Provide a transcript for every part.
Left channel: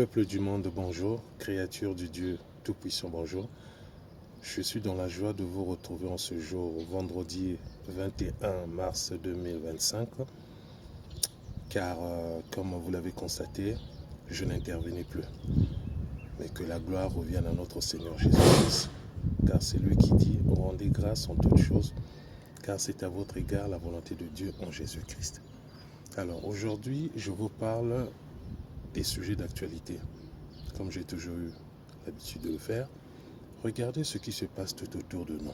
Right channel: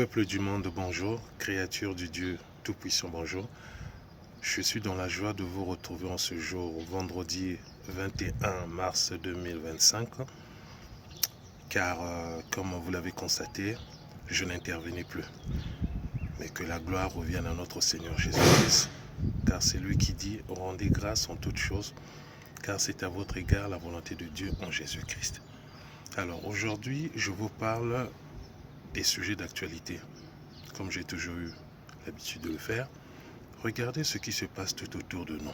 Peuple du monde, bonjour. Créature du Dieu Tout-Puissant, bonjour. Je suis dans la joie de vous retrouver en ce jour, vendredi 21 mars 2025. Car, comme vous l'avez constaté, je n'intervenais plus. Mais que la gloire revienne à notre Seigneur Jésus-Christ. Car c'est lui qui dit, rendez grâce en toutes choses, car c'est à votre égard la volonté de Dieu en Jésus-Christ. Alors aujourd'hui, je vous parle des sujets d'actualité, comme j'ai toujours eu l'habitude de le faire. Regardez ce qui se passe tout autour de nous.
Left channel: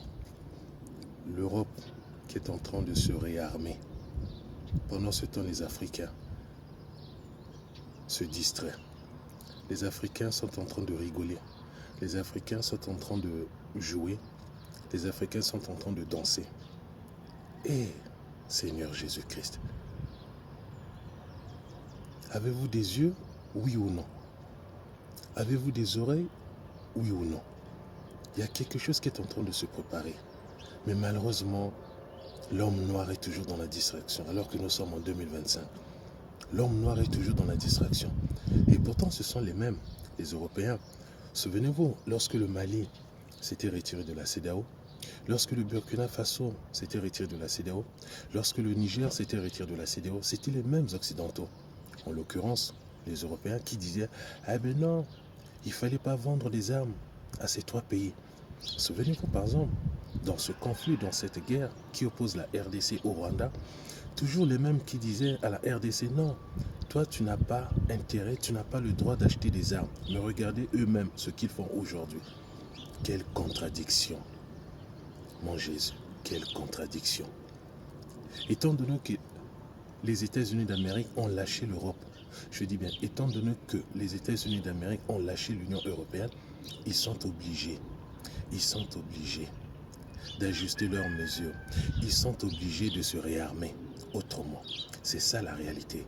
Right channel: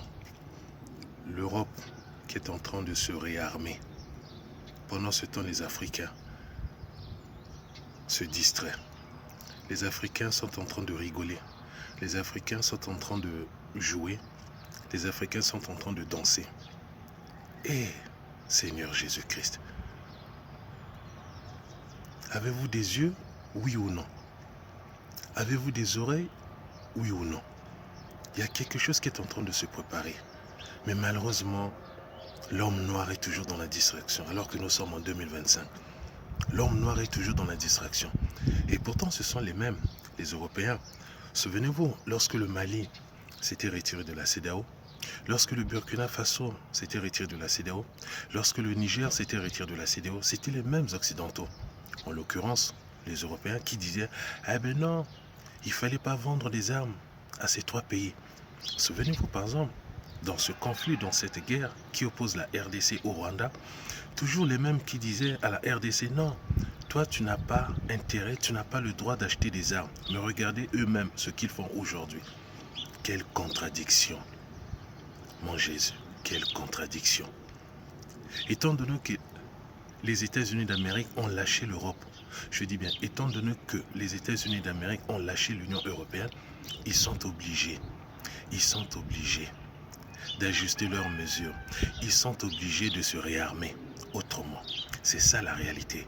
L'Europe qui est en train de se réarmer. Pendant ce temps, les Africains se distraient. Les Africains sont en train de rigoler. Les Africains sont en train de jouer. Les Africains sont en train de danser. Et Seigneur Jésus-Christ, avez-vous des yeux, oui ou non? Avez-vous des oreilles, oui ou non? Il y a quelque chose qui est en train de se préparer. Mais malheureusement, l'homme noir est toujours dans la distraction, alors que nous sommes en 2025. L'homme noir est toujours dans la distraction. Et pourtant, ce sont les mêmes, les Européens. Souvenez-vous, lorsque le Mali s'était retiré de la CEDEAO, lorsque le Burkina Faso s'était retiré de la CEDEAO, lorsque le Niger s'était retiré de la CEDEAO, c'était les mêmes Occidentaux. En l'occurrence, les Européens qui disaient « Ah ben non, il ne fallait pas vendre des armes à ces trois pays ». Souvenez-vous par exemple, dans ce conflit, dans cette guerre qui oppose la RDC au Rwanda, toujours les mêmes qui disaient à la RDC « Non, toi tu n'as pas intérêt, tu n'as pas le droit d'acheter des armes ». Mais regardez eux-mêmes ce qu'ils font aujourd'hui. Quelle contradiction, mon Jésus, quelle contradiction. Étant donné que les États-Unis d'Amérique ont lâché l'Europe, je dis bien, étant donné que les États-Unis d'Amérique ont lâché l'Union européenne, ils sont obligés d'ajuster leurs mesures. Ils sont obligés de se réarmer autrement. C'est ça la réalité.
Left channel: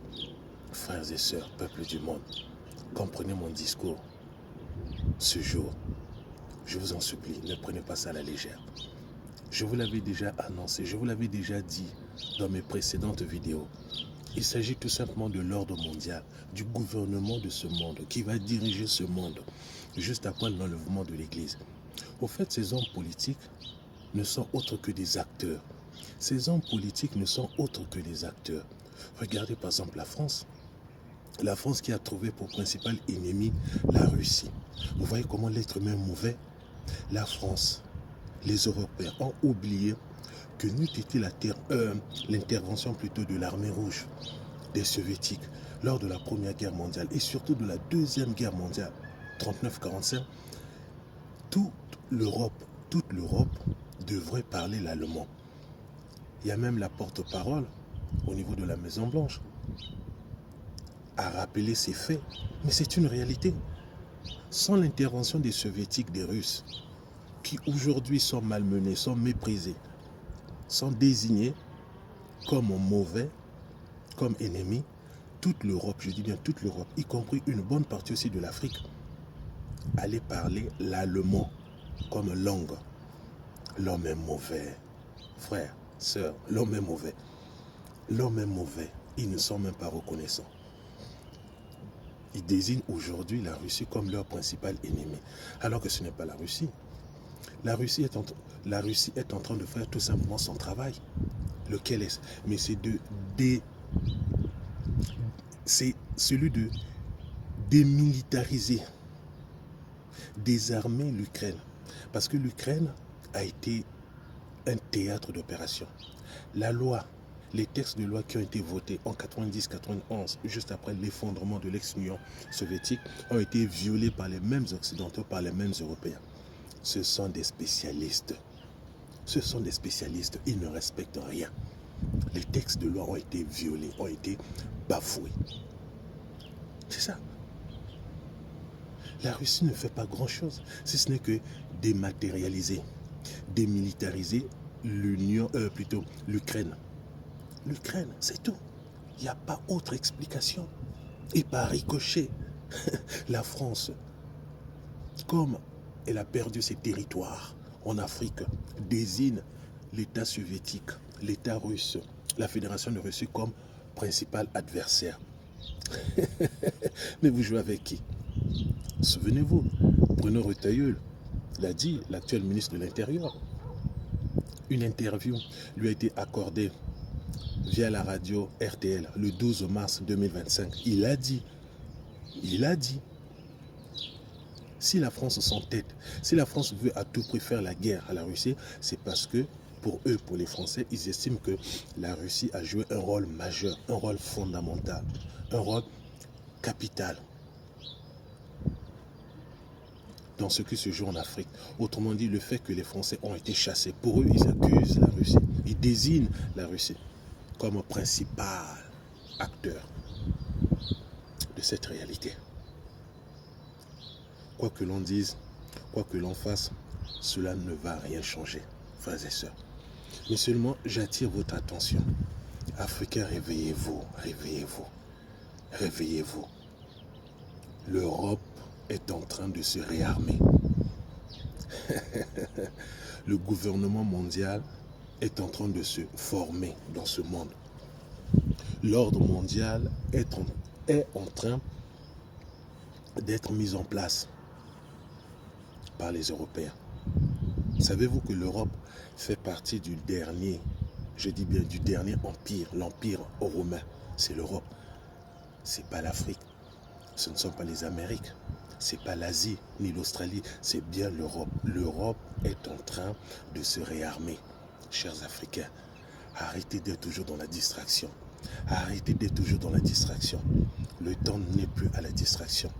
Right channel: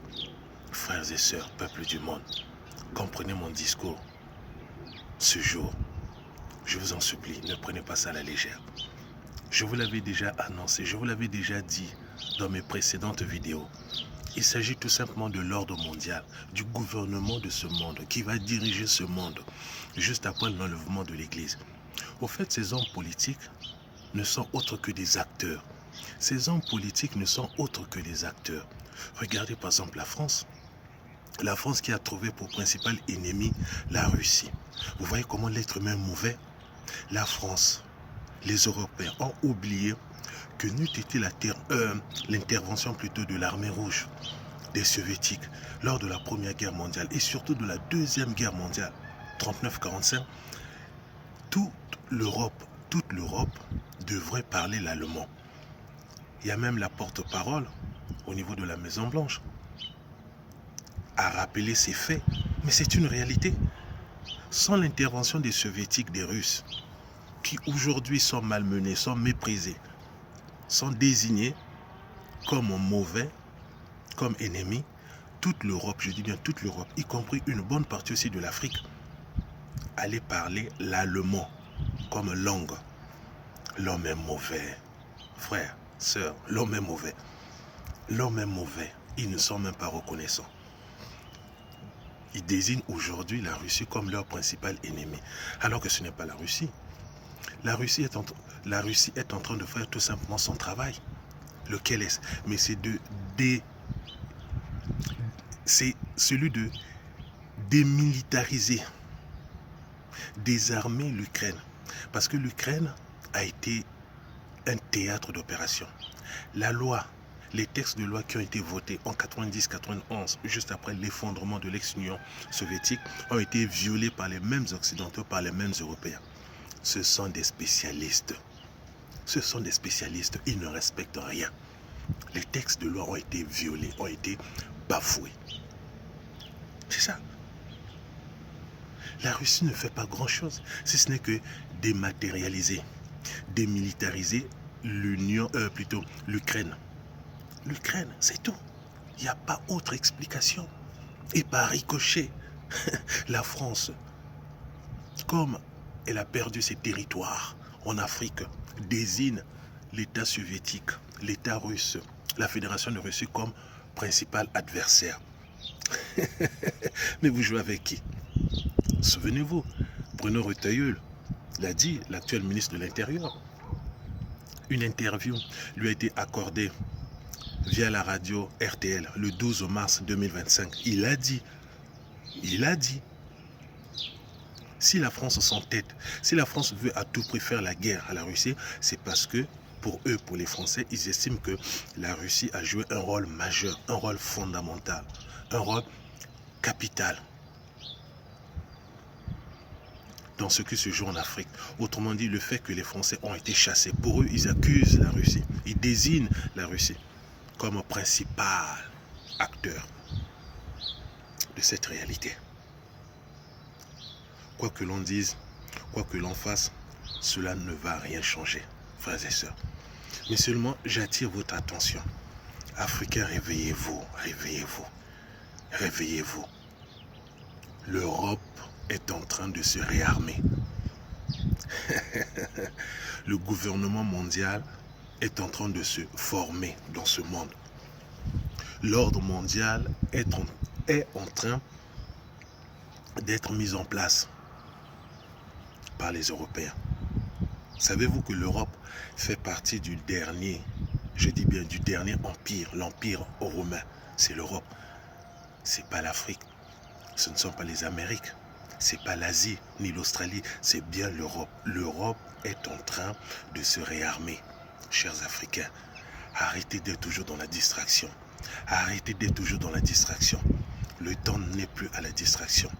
Frères et sœurs, peuple du monde, comprenez mon discours ce jour. Je vous en supplie, ne prenez pas ça à la légère. Je vous l'avais déjà annoncé, je vous l'avais déjà dit dans mes précédentes vidéos. Il s'agit tout simplement de l'ordre mondial, du gouvernement de ce monde, qui va diriger ce monde, juste après l'enlèvement de l'Église. Au fait, ces hommes politiques ne sont autres que des acteurs. Ces hommes politiques ne sont autres que des acteurs. Regardez par exemple la France. La France qui a trouvé pour principal ennemi la Russie. Vous voyez comment l'être humain est mauvais? La France, les Européens ont oublié que n'eût été l'intervention plutôt de l'armée rouge, des soviétiques, lors de la Première Guerre mondiale et surtout de la Deuxième Guerre mondiale, 39-45, toute l'Europe devrait parler l'allemand. Il y a même la porte-parole au niveau de la Maison-Blanche à rappeler ces faits. Mais c'est une réalité. Sans l'intervention des soviétiques, des Russes, qui aujourd'hui sont malmenés, sont méprisés, sont désignés comme mauvais, comme ennemis, toute l'Europe, je dis bien toute l'Europe, y compris une bonne partie aussi de l'Afrique, allait parler l'allemand comme langue. L'homme est mauvais. Frère, sœur, l'homme est mauvais. L'homme est mauvais. Ils ne sont même pas reconnaissants. Ils désignent aujourd'hui la Russie comme leur principal ennemi. Alors que ce n'est pas la Russie. La Russie est en train de faire tout simplement son travail. Lequel est-ce? Mais c'est celui de démilitariser, désarmer l'Ukraine. Parce que l'Ukraine a été un théâtre d'opération. La loi, les textes de loi qui ont été votés en 90-91, juste après l'effondrement de l'ex-Union soviétique, ont été violés par les mêmes Occidentaux, par les mêmes Européens. Ce sont des spécialistes. Ce sont des spécialistes, ils ne respectent rien. Les textes de loi ont été violés, ont été bafoués. C'est ça. La Russie ne fait pas grand-chose, si ce n'est que dématérialiser, démilitariser l'Ukraine. L'Ukraine, c'est tout. Il n'y a pas autre explication. Et par ricochet, la France, comme elle a perdu ses territoires en Afrique, désigne l'État soviétique, l'État russe, la Fédération de Russie comme principal adversaire. Mais vous jouez avec qui? Souvenez-vous, Bruno Retailleul l'a dit, l'actuel ministre de l'Intérieur. Une interview lui a été accordée via la radio RTL le 12 mars 2025. Il a dit, si la France s'entête, si la France veut à tout prix faire la guerre à la Russie, c'est parce que pour eux, pour les Français, ils estiment que la Russie a joué un rôle majeur, un rôle fondamental, un rôle capital dans ce qui se joue en Afrique. Autrement dit, le fait que les Français ont été chassés, pour eux, ils accusent la Russie, ils désignent la Russie comme principal acteur de cette réalité. Quoi que l'on dise, quoi que l'on fasse, cela ne va rien changer, frères et sœurs. Mais seulement, j'attire votre attention. Africains, réveillez-vous, réveillez-vous, réveillez-vous. L'Europe est en train de se réarmer. Le gouvernement mondial est en train de se former dans ce monde. L'ordre mondial est en train d'être mis en place par les Européens. Savez-vous que l'Europe fait partie du dernier, je dis bien du dernier empire, l'empire romain, c'est l'Europe. C'est pas l'Afrique, ce ne sont pas les Amériques, c'est pas l'Asie ni l'Australie, c'est bien l'Europe. L'Europe est en train de se réarmer, chers Africains. Arrêtez d'être toujours dans la distraction. Arrêtez d'être toujours dans la distraction. Le temps n'est plus à la distraction.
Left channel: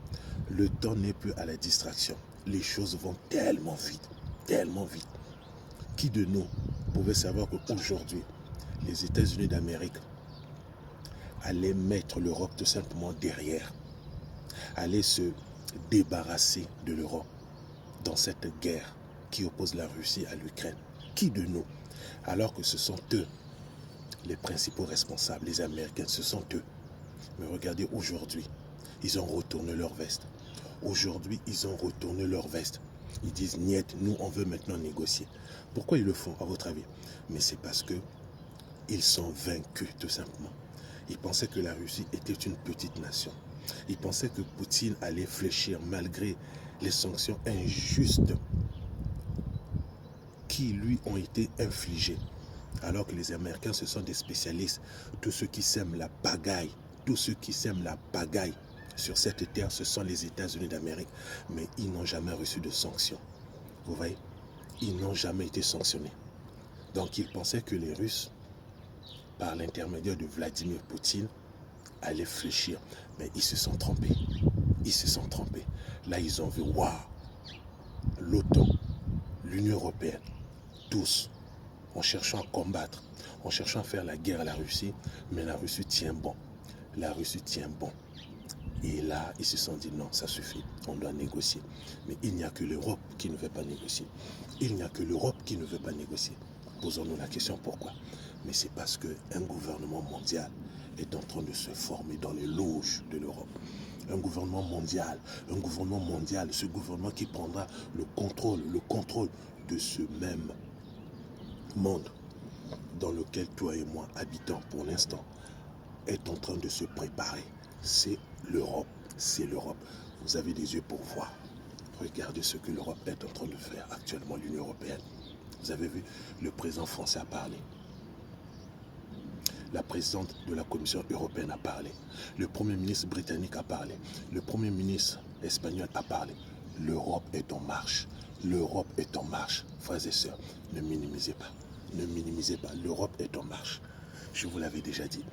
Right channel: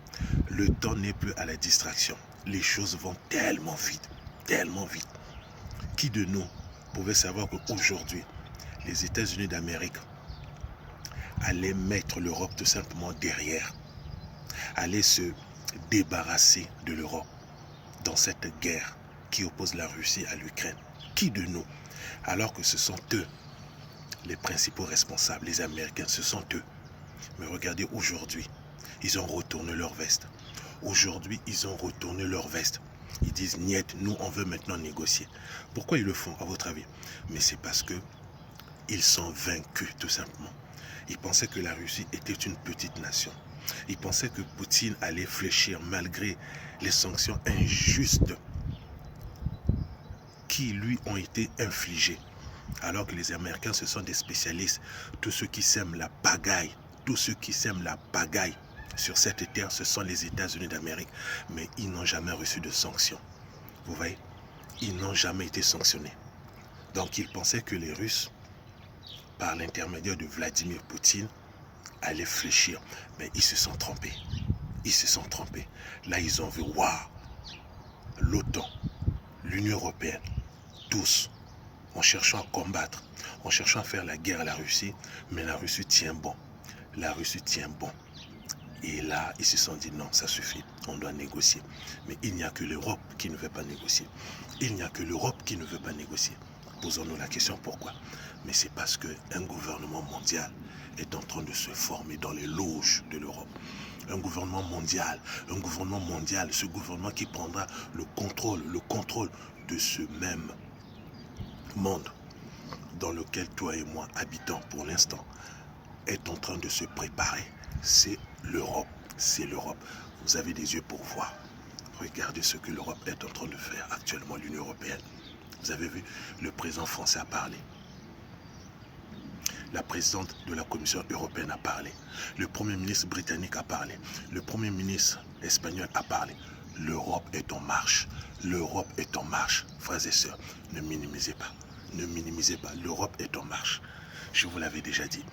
Le temps n'est plus à la distraction. Les choses vont tellement vite, tellement vite. Qui de nous pouvait savoir qu'aujourd'hui, les États-Unis d'Amérique allaient mettre l'Europe tout simplement derrière, allaient se débarrasser de l'Europe dans cette guerre qui oppose la Russie à l'Ukraine? Qui de nous? Alors que ce sont eux les principaux responsables, les Américains, ce sont eux. Mais regardez aujourd'hui, ils ont retourné leur veste. Aujourd'hui, ils ont retourné leur veste. Ils disent, niet, nous, on veut maintenant négocier. Pourquoi ils le font, à votre avis? Mais c'est parce que ils sont vaincus, tout simplement. Ils pensaient que la Russie était une petite nation. Ils pensaient que Poutine allait fléchir malgré les sanctions injustes qui lui ont été infligées. Alors que les Américains, ce sont des spécialistes. Tous ceux qui sèment la pagaille, tous ceux qui sèment la pagaille sur cette terre, ce sont les États-Unis d'Amérique. Mais ils n'ont jamais reçu de sanctions. Vous voyez? Ils n'ont jamais été sanctionnés. Donc ils pensaient que les Russes, par l'intermédiaire de Vladimir Poutine, allaient fléchir. Mais ils se sont trompés. Ils se sont trompés. Là, ils ont vu, waouh, l'OTAN, l'Union européenne, tous, en cherchant à combattre, en cherchant à faire la guerre à la Russie, mais la Russie tient bon. La Russie tient bon. Et là, ils se sont dit non, ça suffit, on doit négocier. Mais il n'y a que l'Europe qui ne veut pas négocier. Il n'y a que l'Europe qui ne veut pas négocier. Posons-nous la question pourquoi. Mais c'est parce qu'un gouvernement mondial est en train de se former dans les loges de l'Europe. Un gouvernement mondial, ce gouvernement qui prendra le contrôle de ce même monde dans lequel toi et moi habitons pour l'instant, est en train de se préparer. C'est l'Europe, c'est l'Europe. Vous avez des yeux pour voir. Regardez ce que l'Europe est en train de faire actuellement, l'Union européenne. Vous avez vu, le président français a parlé. La présidente de la Commission européenne a parlé. Le premier ministre britannique a parlé. Le premier ministre espagnol a parlé. L'Europe est en marche. L'Europe est en marche. Frères et sœurs, ne minimisez pas. Ne minimisez pas. L'Europe est en marche. Je vous l'avais déjà dit.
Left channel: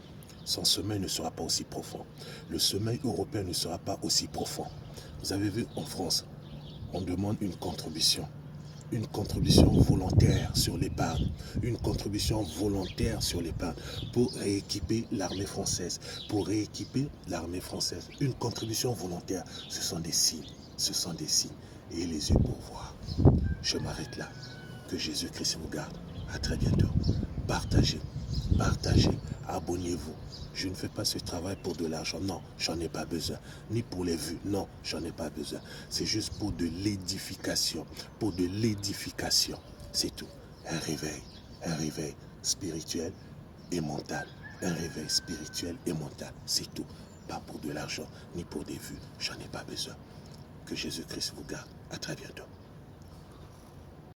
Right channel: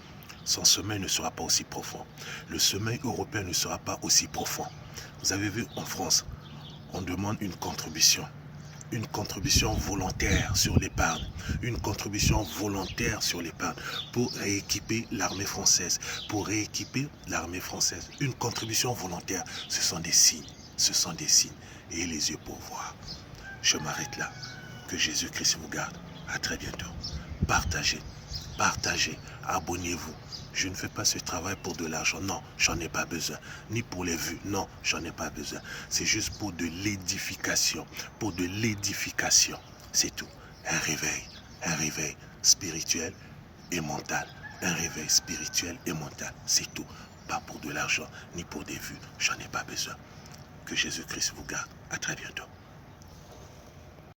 Son sommeil ne sera pas aussi profond. Le sommeil européen ne sera pas aussi profond. Vous avez vu, en France, on demande une contribution volontaire sur l'épargne, une contribution volontaire sur l'épargne pour rééquiper l'armée française, une contribution volontaire. Ce sont des signes, et les yeux pour voir. Je m'arrête là. Que Jésus-Christ vous garde. À très bientôt. Partagez, abonnez-vous. Je ne fais pas ce travail pour de l'argent, non, j'en ai pas besoin. Ni pour les vues, non, j'en ai pas besoin. C'est juste pour de l'édification, c'est tout. Un réveil spirituel et mental. C'est tout. Pas pour de l'argent, ni pour des vues, j'en ai pas besoin. Que Jésus-Christ vous garde. À très bientôt.